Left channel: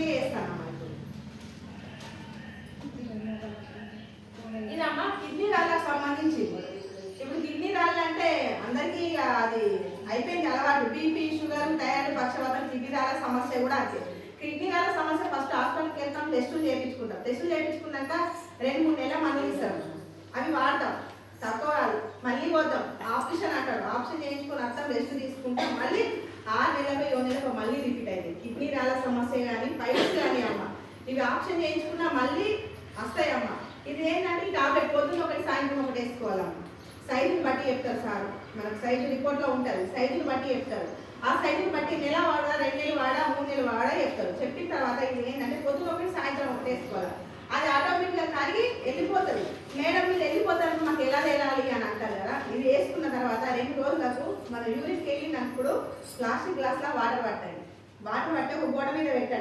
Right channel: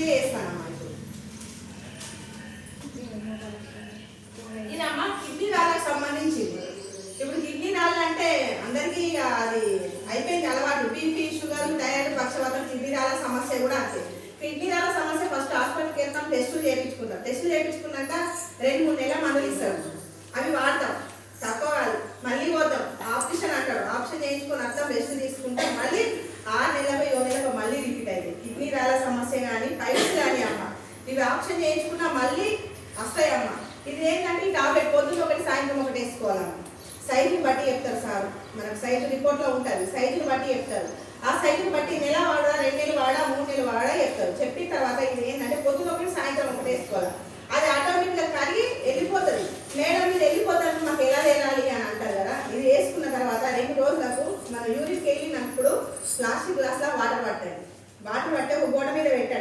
మీద వేస్తానమ్మా. ఇదమ్మా కిడ్నీ రాళ్ళకు సంబంధించింది. ఇప్పుడు కిడ్నీ రాళ్ళు అంటే అందరికీ ఇక అది అయిపోయింది అలవాటు. బీపీ, షుగర్, థైరాయిడ్, పక్షవాతం, కిడ్నీ రాళ్ళ సమస్య కూడా అంతే. కిడ్నీ రాళ్ళ సమస్య ఫస్ట్ హాస్పిటల్కి వెళ్తాం, టెస్టులు చేయించుకుంటాం. టెస్టులు చేయించుకున్నాక 2-3 నెలల మందులు ఇస్తారు, అవి వాడతాం, తక్కువ కాదు. మళ్ళీ పోతాం, ఆపరేషన్ అంటాడు, ఆపరేషన్ చేయించుకుని అర్థం రెస్ట్ తీసుకుంటాం. మళ్ళీ 6 నెలలకు 7 నెలలకు మళ్ళీ రిపీట్ అయింది. కిడ్నీ రాళ్ళ సమస్య కానీ పైల్స్ కానీ అమ్మ ఇవి ఆపరేషన్ చేయించుకున్నా మళ్ళీ వస్తాయమ్మ. ఇది ఏంటంటే ఈ టాబ్లెట్ పొద్దున్న ఒకటి సాయంత్రం ఒకటి వేసుకోవాలమ్మ. సైజుని బట్టి చెప్తారు సార్, మనకు సైజు రిపోర్ట్లో ఉంటుంది, సైజుని బట్టి చెప్తారు. ఆ సైజుని బట్టి నెల వాడా, 2 నెలలు వాడా, 3 నెలలు వాడా చెప్తారు. చెప్పిన తర్వాత ఇది ఏంటంటే పొద్దున్న ఒకటి సాయంత్రం ఒకటి వేసుకోవాలి. అది ఆటోమేటిక్గా కరిగి వెళ్ళిపోతుంది. మేడం మీరు వెళ్ళిపోతారు, మాకు ఎలా వెళ్ళాలి అని అంటారు కదా. ఇది వేసుకున్న తర్వాత 2 రోజులకు మనం యూరిన్కి వెళ్ళినప్పుడు ప్లాస్టిక్ గ్లాస్లో వాటర్ పట్టండి. వాటర్ పట్టే ఒక గోడ మీద పెట్టండి.